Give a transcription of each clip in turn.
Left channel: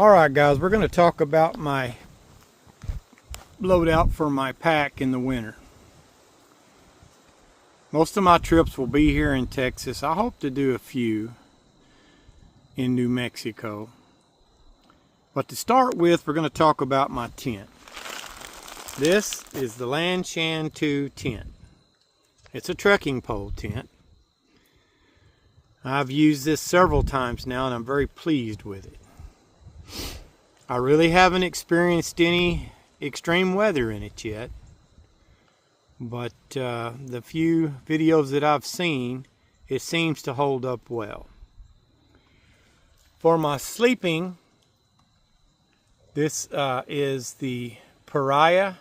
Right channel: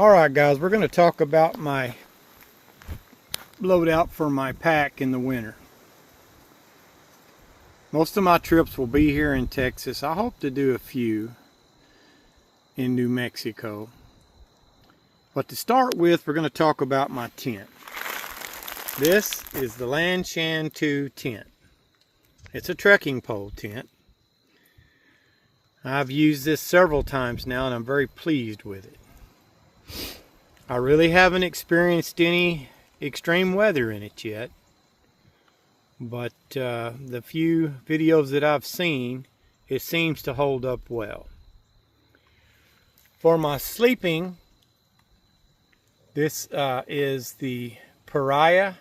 Alright guys, we're going to talk about my loadout for my pack in the winter. Most of my trips will be here in Texas. I hope to do a few in New Mexico. But to start with, we're going to talk about my tent. This is the Lanshan 2 tent. It's a trekking pole tent. I've used this several times now and I'm very pleased with it. I really haven't experienced any extreme weather in it yet, but the few videos that I've seen, it seems to hold up well. For my sleeping, this is the Pariah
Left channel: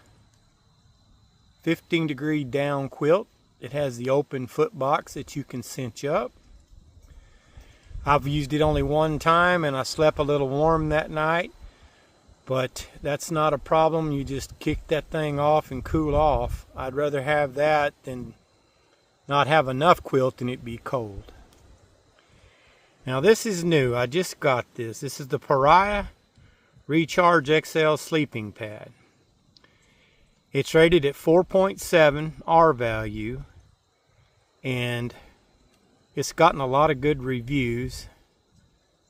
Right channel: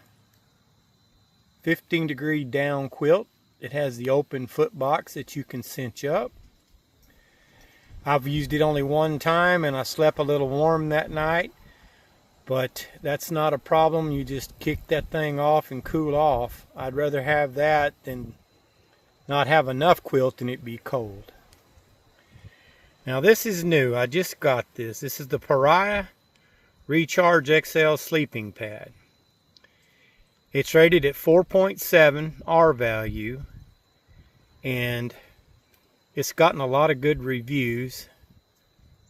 15-degree down quilt. It has the open foot box that you can cinch up. I've used it only one time and I slept a little warm that night. But that's not a problem. You just kick that thing off and cool off. I'd rather have that than not have enough quilt and it be cold. Now this is new. I just got this. This is the Pariah Recharge XL sleeping pad. It's rated at 4.7 R value. And it's gotten a lot of good reviews.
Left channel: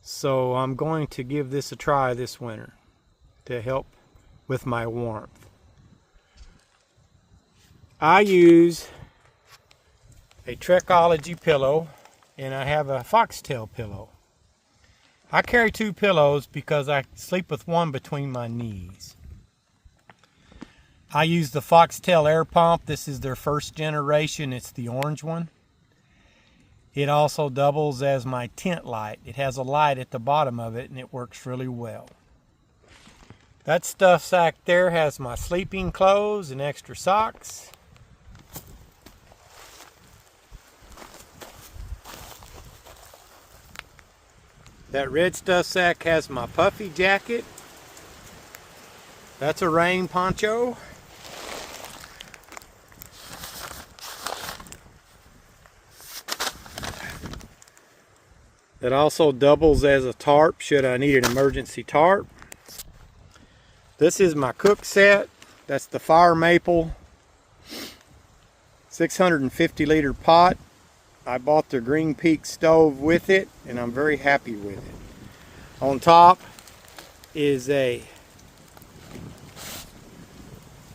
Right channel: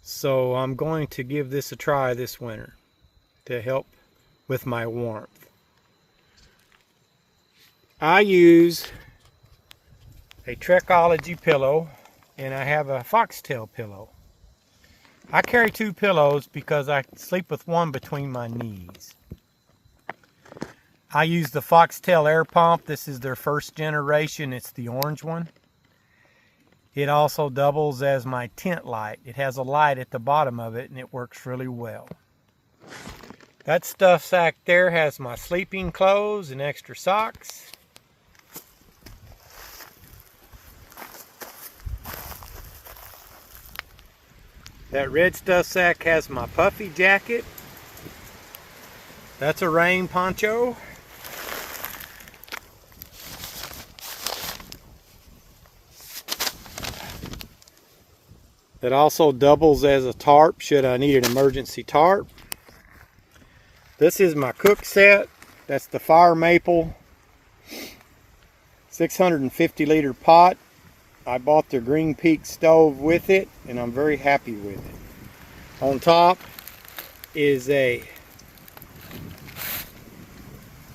So I'm going to give this a try this winter to help with my warmth. I use a Trekology pillow and I have a foxtail pillow. I carry two pillows because I sleep with one between my knees. I use the foxtail air pump. This is their first generation. It's the orange one. It also doubles as my tent light. It has a light at the bottom of it and it works really well. That stuff sack there has my sleeping clothes and extra socks. That red stuff sack has my puffy jacket. That's a rain poncho. That also doubles as a tarp should I need an emergency tarp. This is my cook set. That's the Fire Maple 650 liter pot. I bought the Green Peak stove with it and I'm very happy with it. On top is a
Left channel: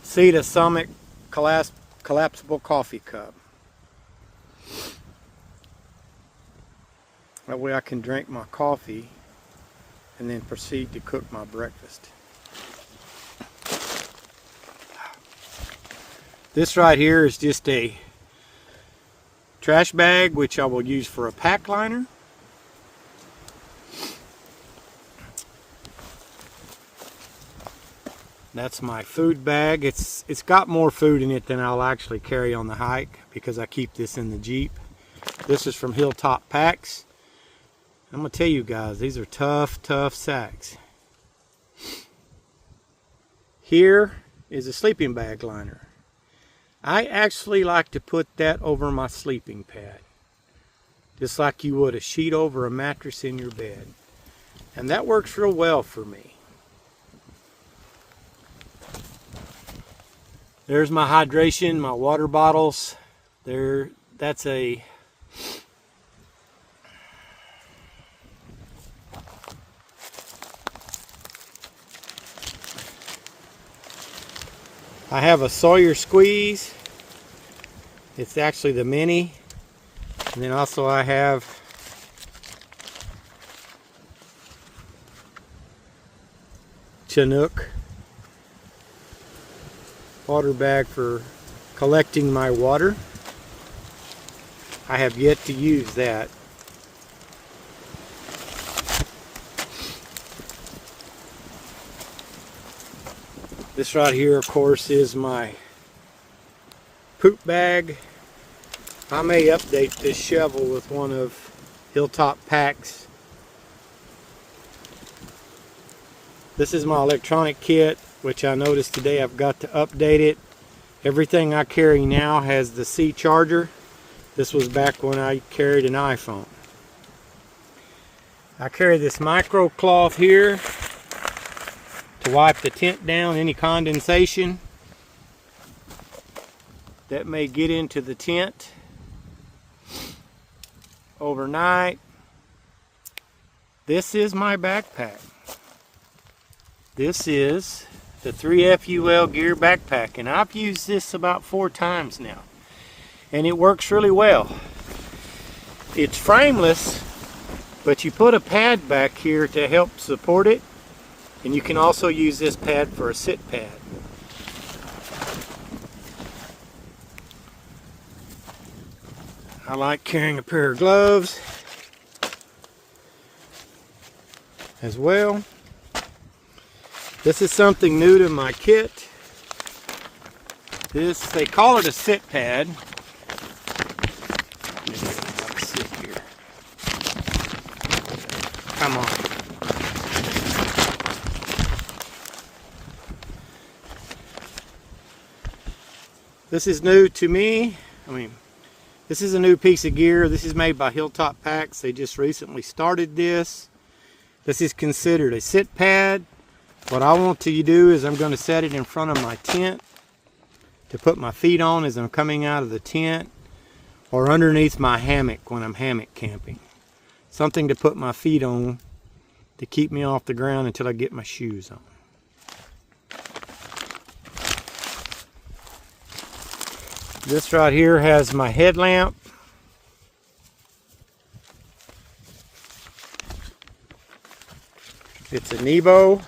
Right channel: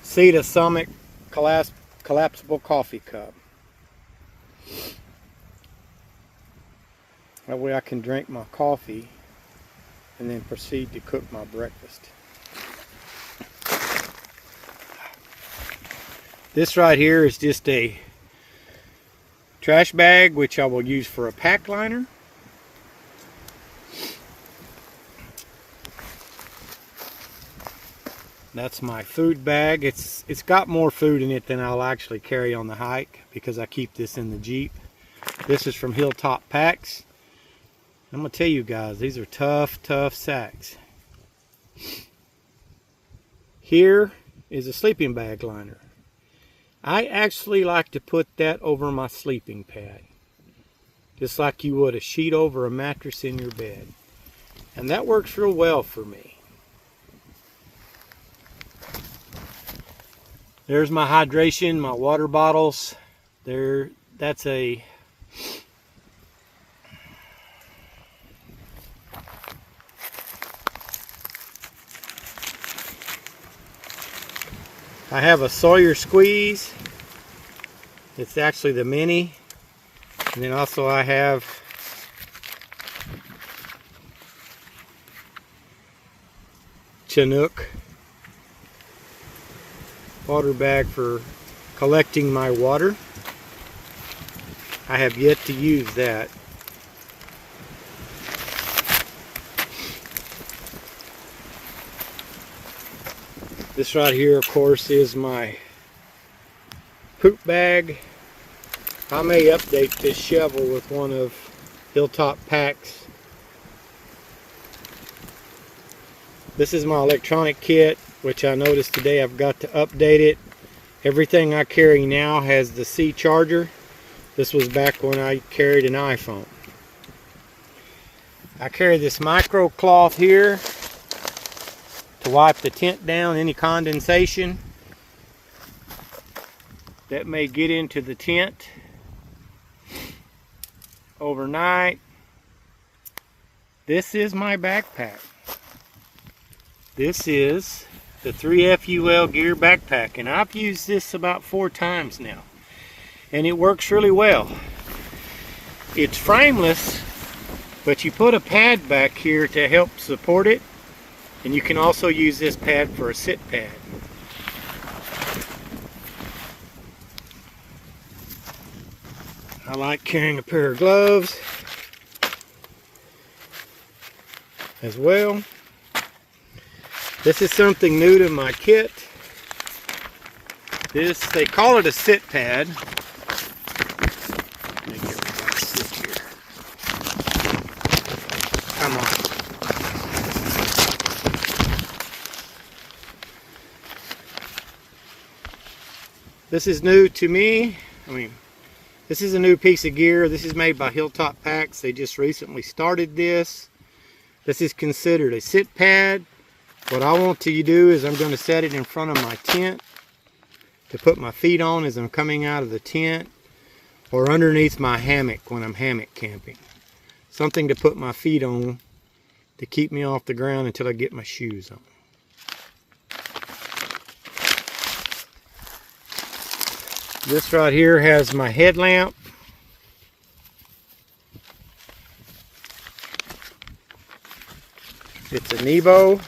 Cedar Summit collapsible coffee cup. That way I can drink my coffee and then proceed to cook my breakfast. This right here is just a trash bag which I will use for a pack liner. That's my food bag. It's got more food in it than I'll actually carry on the hike because I keep this in the Jeep. This is from Hilltop Packs. I'm gonna tell you guys, these are tough sacks. Here is a sleeping bag liner. I actually like to put that over my sleeping pad, just like you would a sheet over a mattress in your bed. And that works real well for me. There's my hydration, my water bottles. That's a I have a Sawyer Squeeze. It's actually the mini. And then also I have Chinook water bag for collecting my water. I have yet to use that. This right here, of course, is my poop bag. I may update this shovel with one of Hilltop Packs. This is my electronic kit, which I noticed today I've got to update it. Everything I carry now has the C charger. This was back when I carried an iPhone. I carry this micro cloth here to wipe the tent down, any condensation that may get into the tent overnight. This is my backpack. This is the 3FUL Gear backpack, and I've used this about 4 times now, and it works really well. It's frameless, but you put a pad back here to help support it, and you can also use this pad for a sit pad. I like carrying a pair of gloves as well. This is something new to my kit. They call it a sit pad. Let me get everybody to sit here. Come on. This is new to me. This is a new piece of gear. This is made by Hilltop Packs. They just recently started this. This is considered a sit pad. What I want to do is I'm going to set it in front of my tent to put my feet on as I'm coming out of the tent, or underneath my hammock when I'm hammock camping. Something to put my feet on to keep me off the ground until I get my shoes on. This right here has my headlamp. It's a Nebo.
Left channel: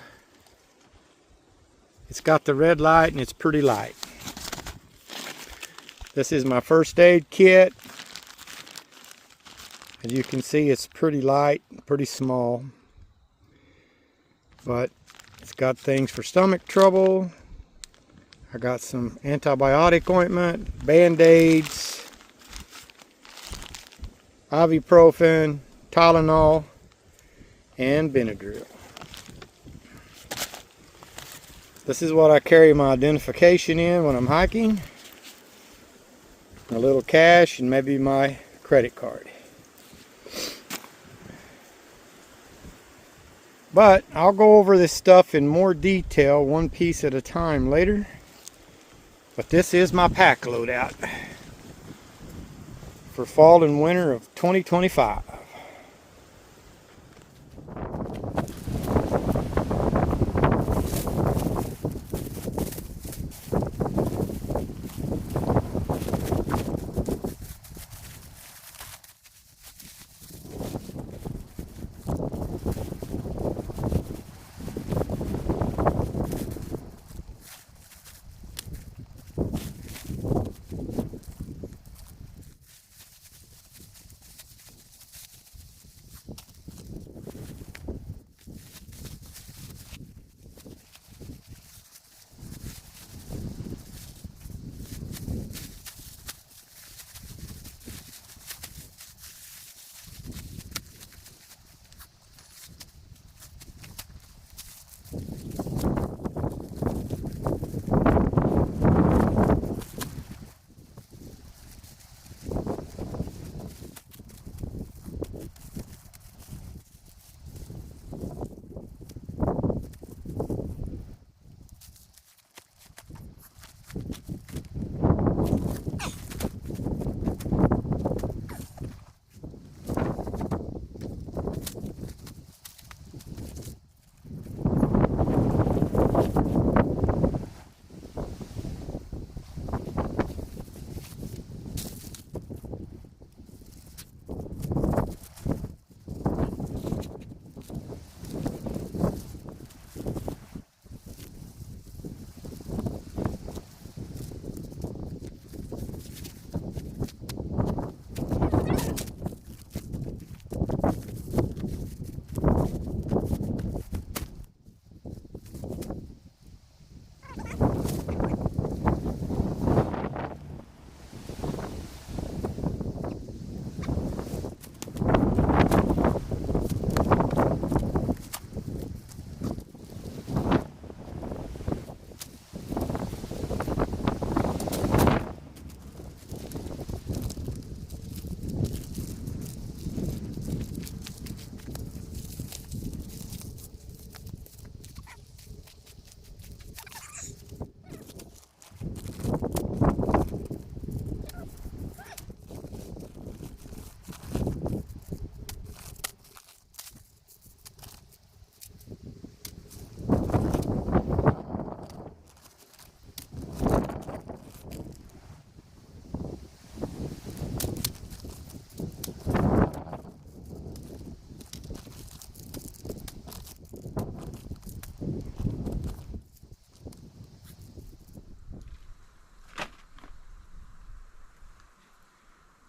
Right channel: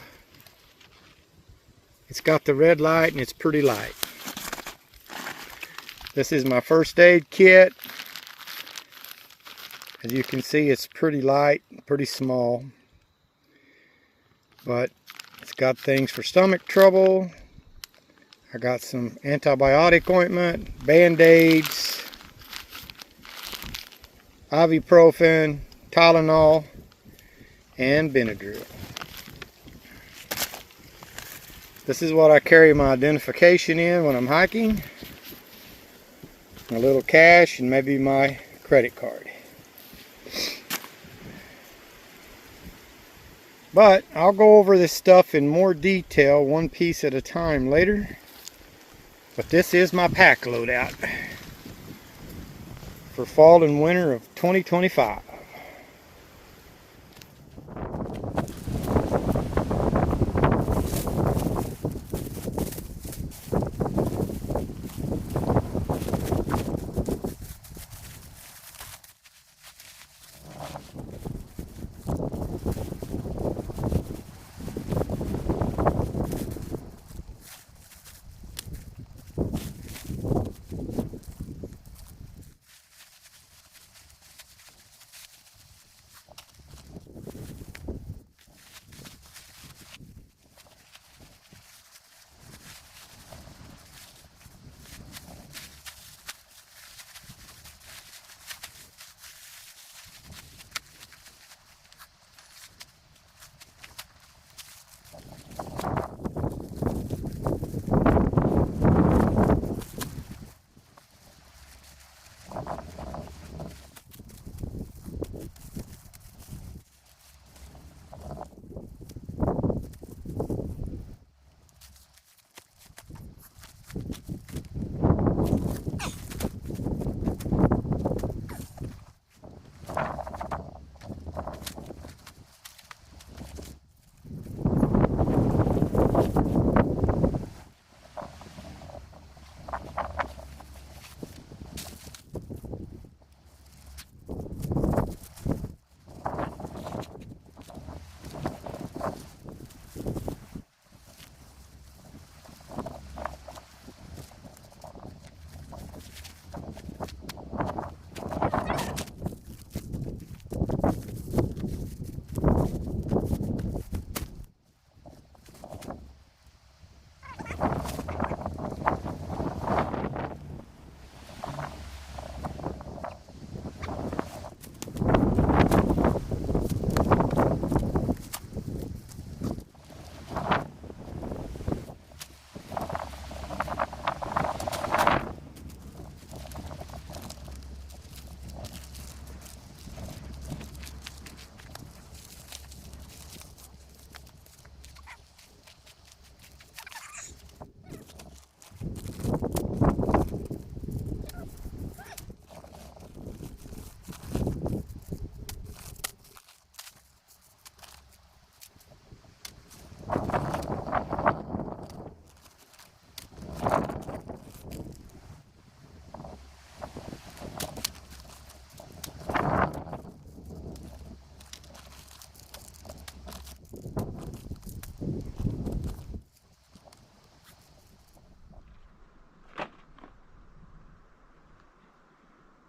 It's got the red light and it's pretty light. This is my first aid kit. As you can see, it's pretty light, pretty small. But it's got things for stomach trouble. I got some antibiotic ointment, Band-Aids, ibuprofen, Tylenol, and Benadryl. This is what I carry my identification in when I'm hiking. A little cash and maybe my credit card. But I'll go over this stuff in more detail, one piece at a time later. But this is my pack loadout for fall and winter of 2025.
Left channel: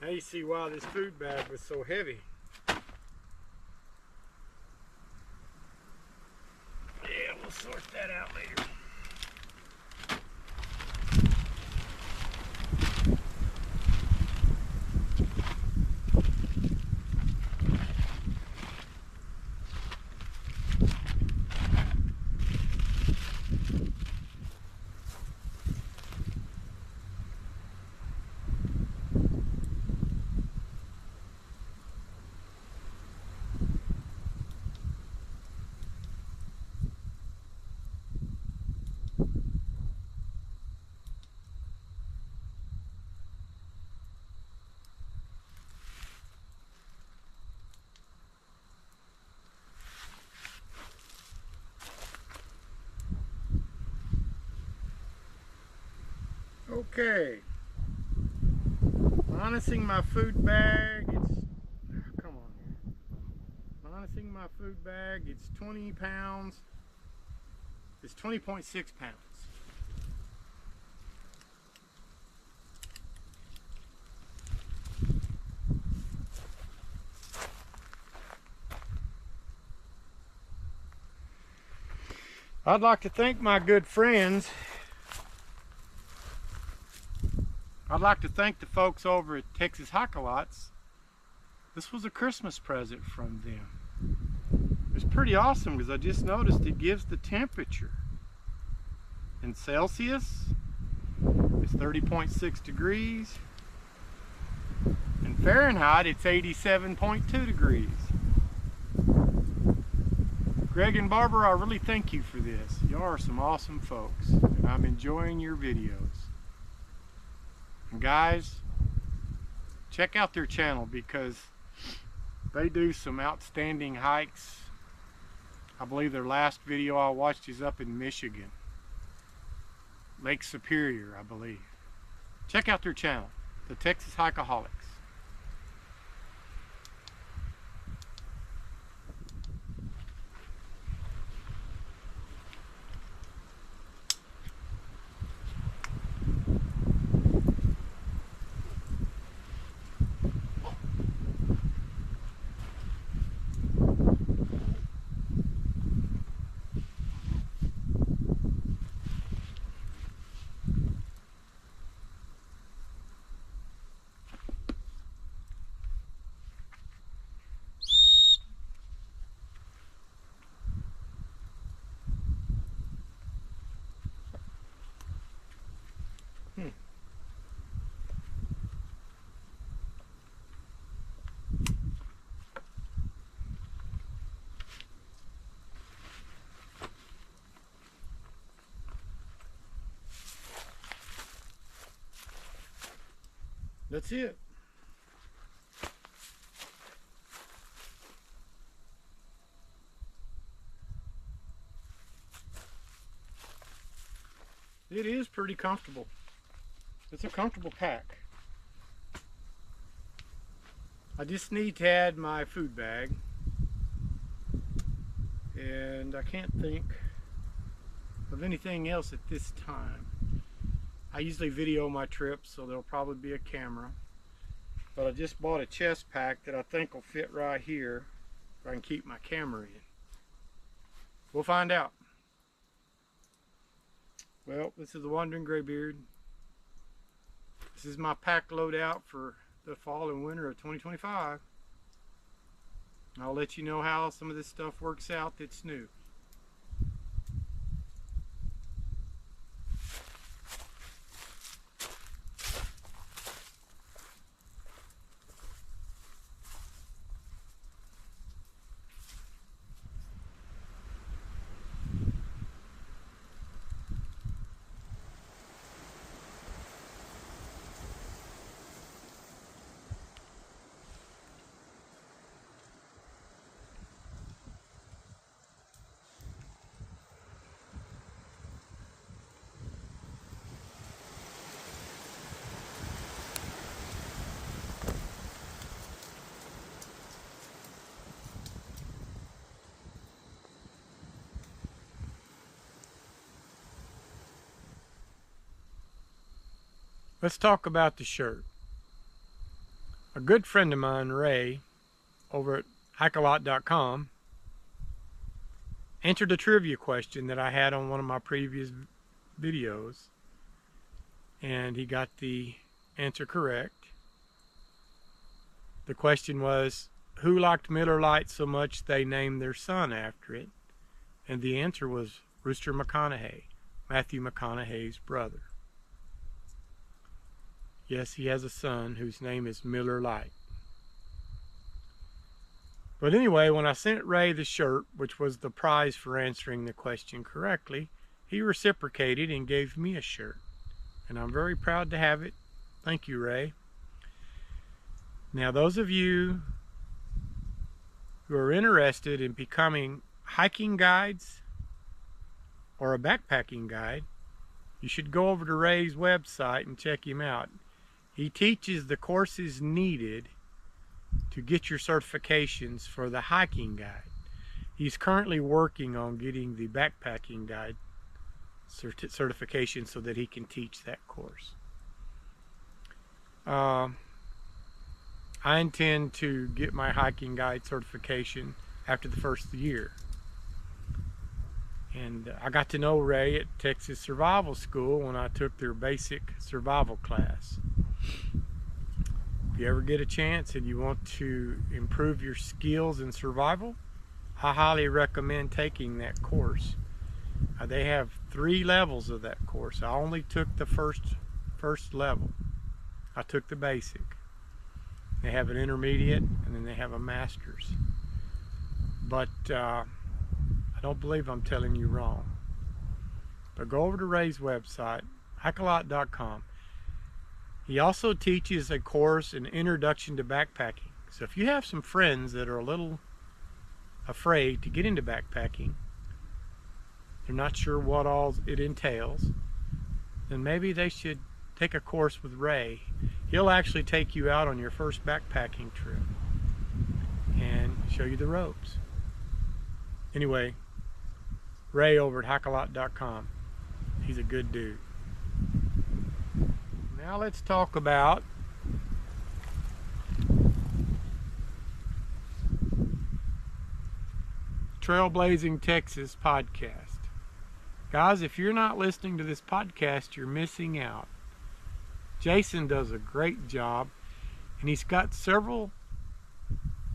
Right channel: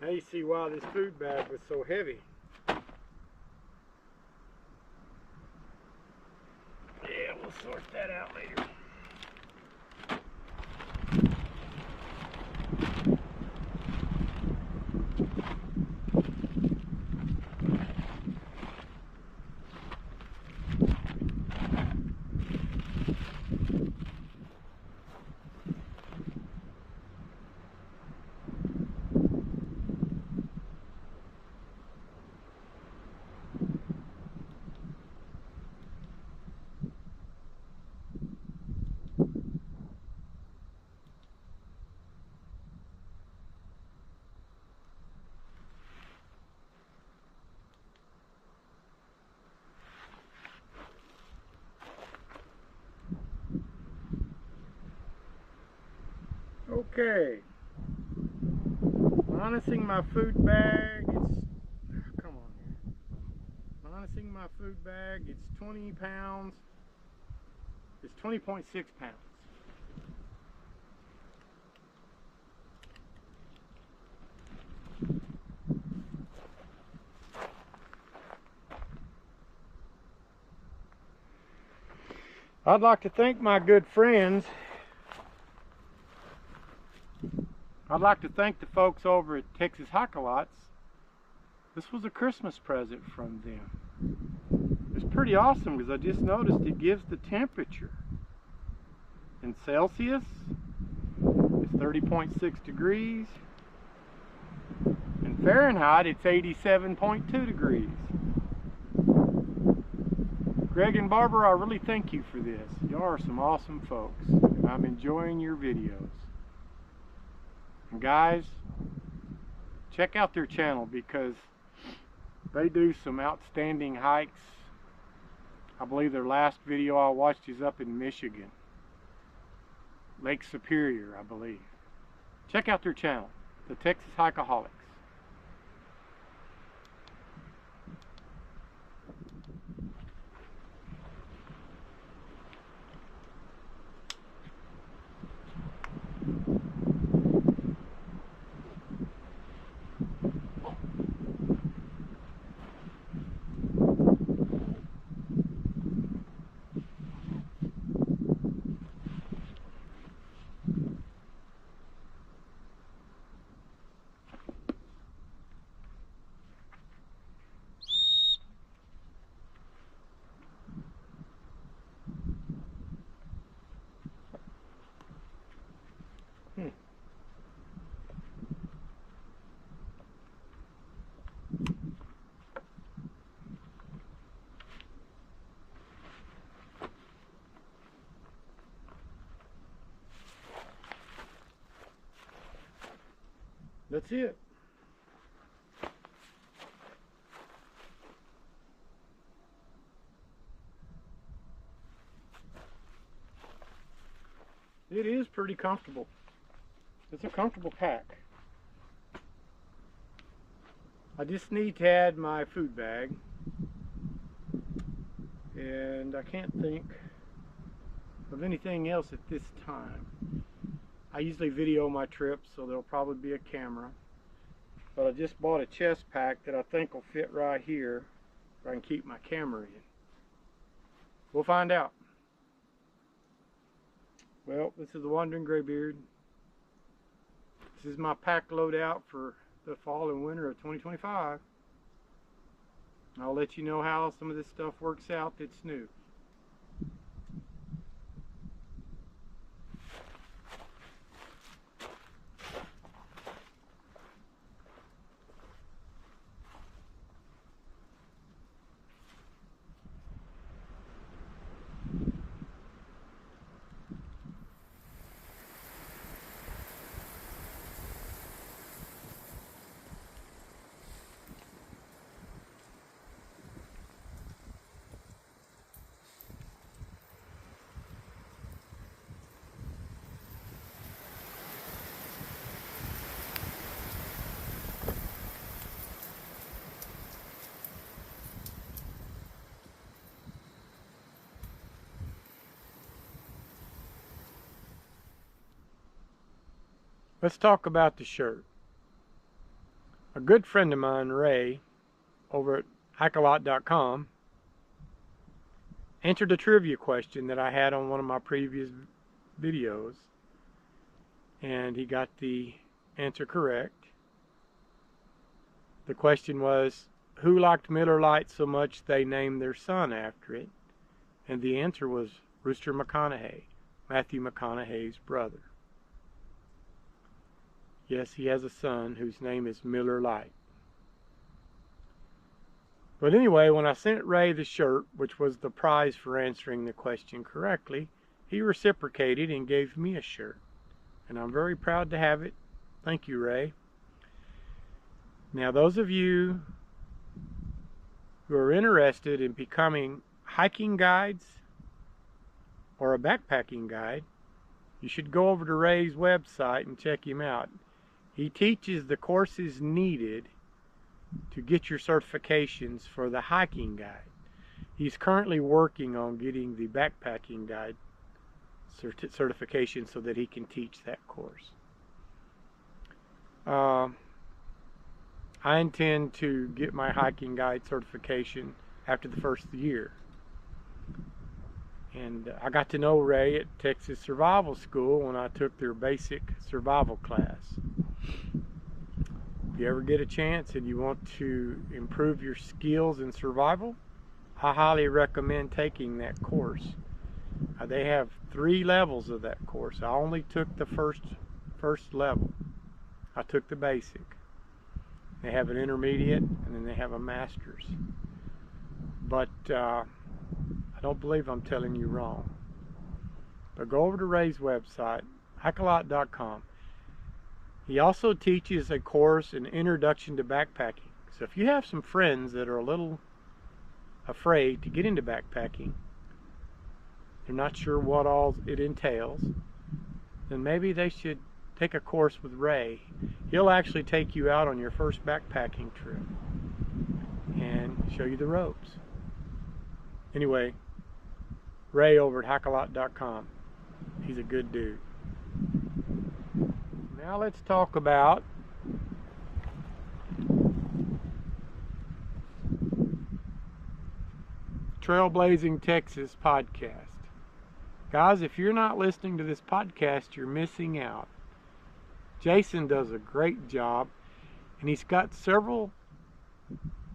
Now you see why this food bag was so heavy. Yeah, we'll sort that out later. Okay, minusing my food bag, come on here. Minusing my food bag, it's 20 pounds. It's 20.6 pounds. I'd like to thank my good friends. I'd like to thank the folks over at Texas Hike-A-Lots. This was a Christmas present from them. It's pretty awesome because I just noticed it gives the temperature. In Celsius, it's 30.6 degrees. In Fahrenheit, it's 87.2 degrees. Greg and Barbara, I really thank you for this. Y'all are some awesome folks, and I'm enjoying your videos. And guys, check out their channel because they do some outstanding hikes. I believe their last video I watched is up in Michigan. Lake Superior, I believe. Check out their channel, the Texas Hike-A-Holics. That's it. It is pretty comfortable. It's a comfortable pack. I just need to add my food bag. And I can't think of anything else at this time. I usually video my trips, so there'll probably be a camera. But I just bought a chest pack that I think will fit right here, where I can keep my camera in. We'll find out. Well, this is the Wandering Graybeard. This is my pack loadout for the fall and winter of 2025. I'll let you know how some of this stuff works out that's new. Let's talk about the shirt. A good friend of mine, Ray, over at hikealot.com, answered a trivia question that I had on one of my previous videos, and he got the answer correct. The question was, who liked Miller Lite so much they named their son after it? And the answer was Rooster McConaughey, Matthew McConaughey's brother. Yes, he has a son whose name is Miller Lite. But anyway, when I sent Ray the shirt, which was the prize for answering the question correctly, he reciprocated and gave me a shirt. And I'm very proud to have it. Thank you, Ray. Now, those of you who are interested in becoming hiking guides or a backpacking guide, you should go over to Ray's website and check him out. He teaches the courses needed to get your certifications for the hiking guide. He's currently working on getting the backpacking guide certification so that he can teach that course. I intend to get my hiking guide certification after the first year. And I got to know Ray at Texas Survival School when I took their basic survival class. If you ever get a chance and you want to improve your skills in survival, I highly recommend taking that course. They have 3 levels of that course. I only took the first level. I took the basic. They have an intermediate, and then they have a master's. But I don't believe I'm telling you wrong. But go over to Ray's website, hikealot.com. He also teaches a course, an introduction to backpacking. So if you have some friends that are a little afraid to get into backpacking, they're not sure what all it entails, then maybe they should take a course with Ray. He'll actually take you out on your first backpacking trip and show you the ropes. Anyway, Ray over at hikealot.com. He's a good dude. Now let's talk about Trailblazing Texas podcast. Guys, if you're not listening to this podcast, you're missing out. Jason does a great job, and he's got several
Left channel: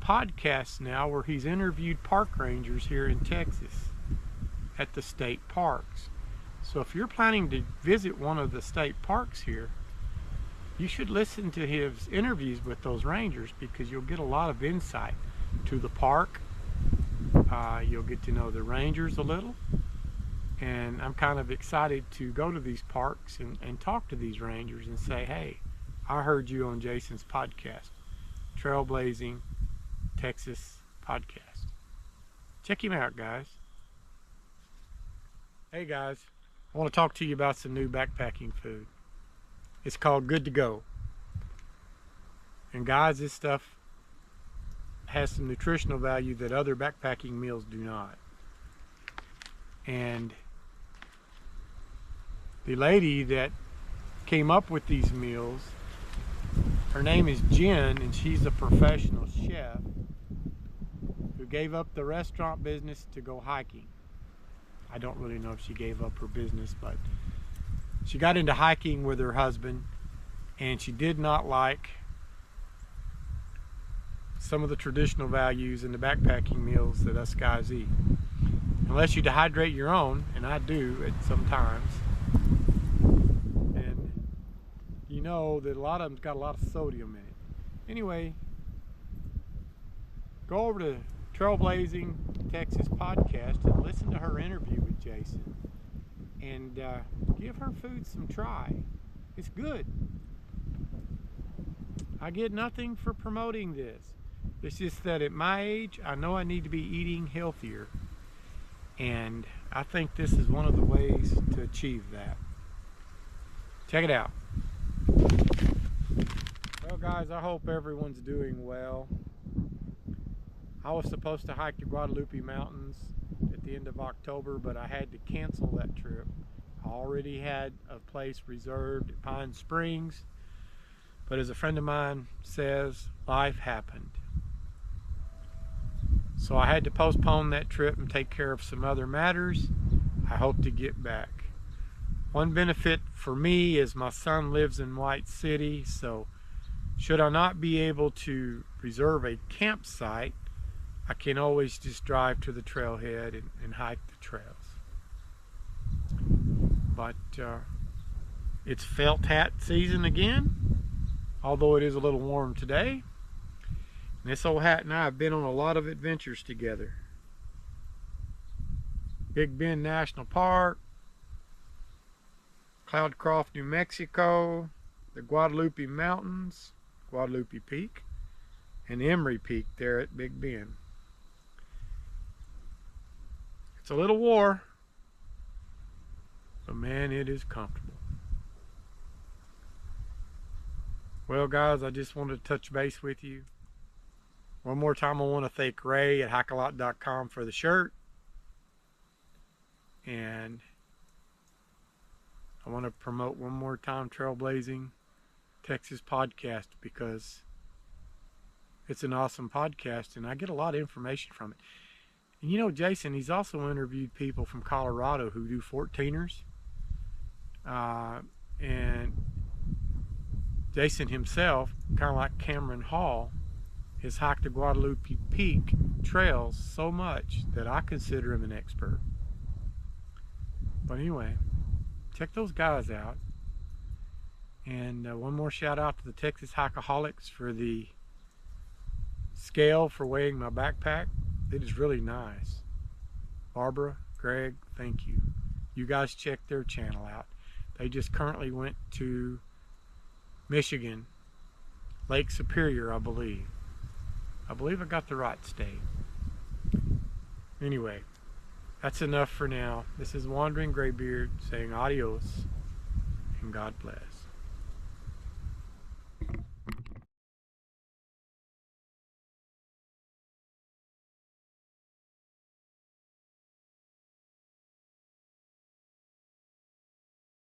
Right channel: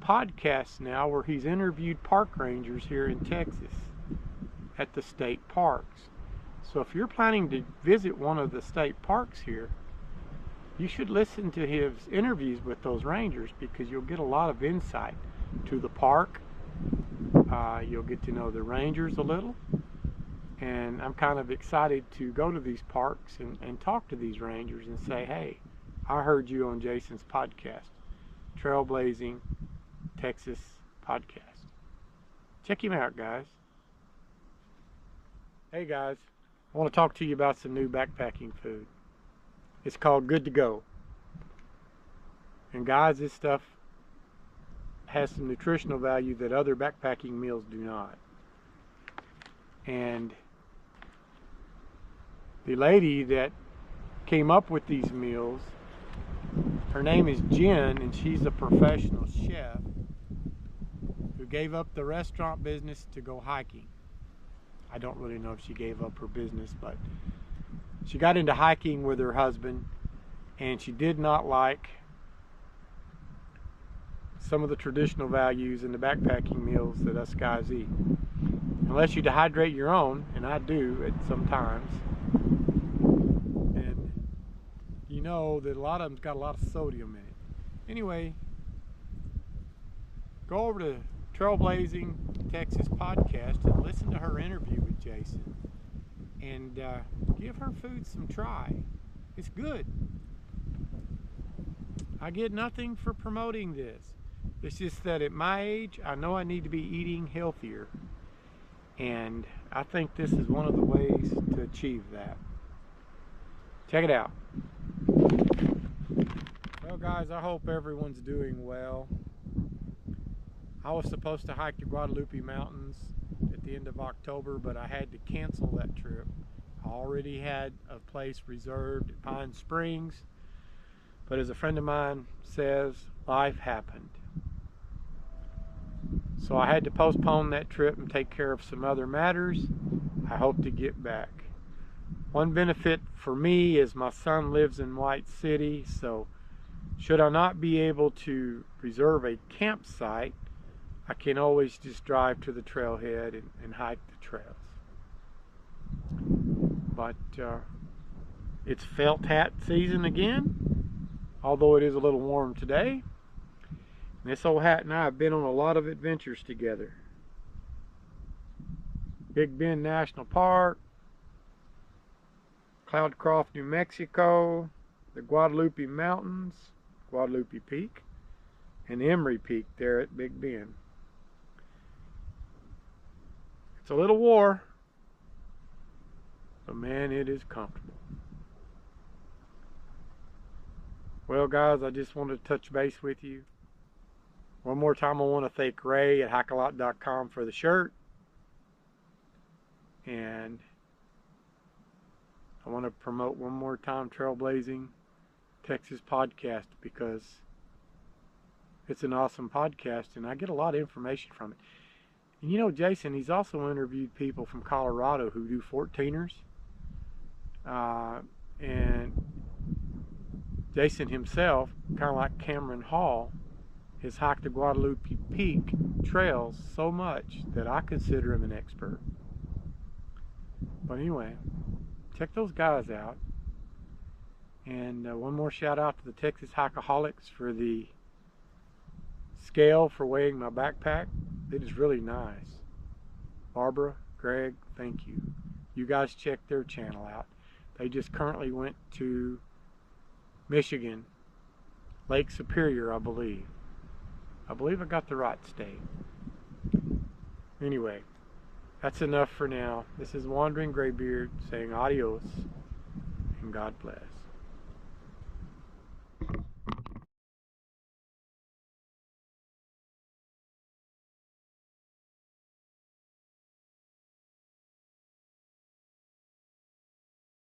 podcasts now where he's interviewed park rangers here in Texas at the state parks. So if you're planning to visit one of the state parks here, you should listen to his interviews with those rangers, because you'll get a lot of insight to the park. You'll get to know the rangers a little. And I'm kind of excited to go to these parks and talk to these rangers and say, hey, I heard you on Jason's podcast, Trailblazing Texas podcast. Check him out, guys. Hey guys, I want to talk to you about some new backpacking food. It's called Good to Go. And guys, this stuff has some nutritional value that other backpacking meals do not. And the lady that came up with these meals, her name is Jen, and she's a professional chef who gave up the restaurant business to go hiking. I don't really know if she gave up her business, but she got into hiking with her husband, and she did not like some of the traditional values in the backpacking meals that us guys eat. Unless you dehydrate your own, and I do at some times, and you know that a lot of them's got a lot of sodium in it. Anyway, go over to Trailblazing Texas podcast and listen to her interview with Jason, and give her food some try. It's good. I get nothing for promoting this. It's just that at my age, I know I need to be eating healthier, and I think this is one of the ways to achieve that. Check it out. Well guys, I hope everyone's doing well. I was supposed to hike the Guadalupe Mountains at the end of October, but I had to cancel that trip. I already had a place reserved at Pine Springs, But as a friend of mine says, life happened. So I had to postpone that trip and take care of some other matters. I hope to get back. One benefit for me is my son lives in White City, so should I not be able to reserve a campsite, I can always just drive to the trailhead and hike the trails. But it's felt hat season again, although it is a little warm today. And this old hat and I have been on a lot of adventures together. Big Bend National Park, Cloudcroft, New Mexico, the Guadalupe Mountains, Guadalupe Peak, and Emery Peak there at Big Bend. It's a little war, but man, it is comfortable. Well guys, I just wanted to touch base with you. One more time, I want to thank Ray at hikealot.com for the shirt. And I want to promote one more time Trailblazing Texas podcast, because it's an awesome podcast and I get a lot of information from it. And you know, Jason, he's also interviewed people from Colorado who do 14ers. And Jason himself, kind of like Cameron Hall, has hiked the Guadalupe Peak trails so much that I consider him an expert. But anyway, check those guys out. And one more shout out to the Texas Hikeaholics for the scale for weighing my backpack. It is really nice. Barbara, Greg, thank you. You guys check their channel out. They just currently went to Michigan, Lake Superior, I believe. I believe I got the right state. Anyway, that's enough for now. This is Wandering Graybeard saying adios and God bless.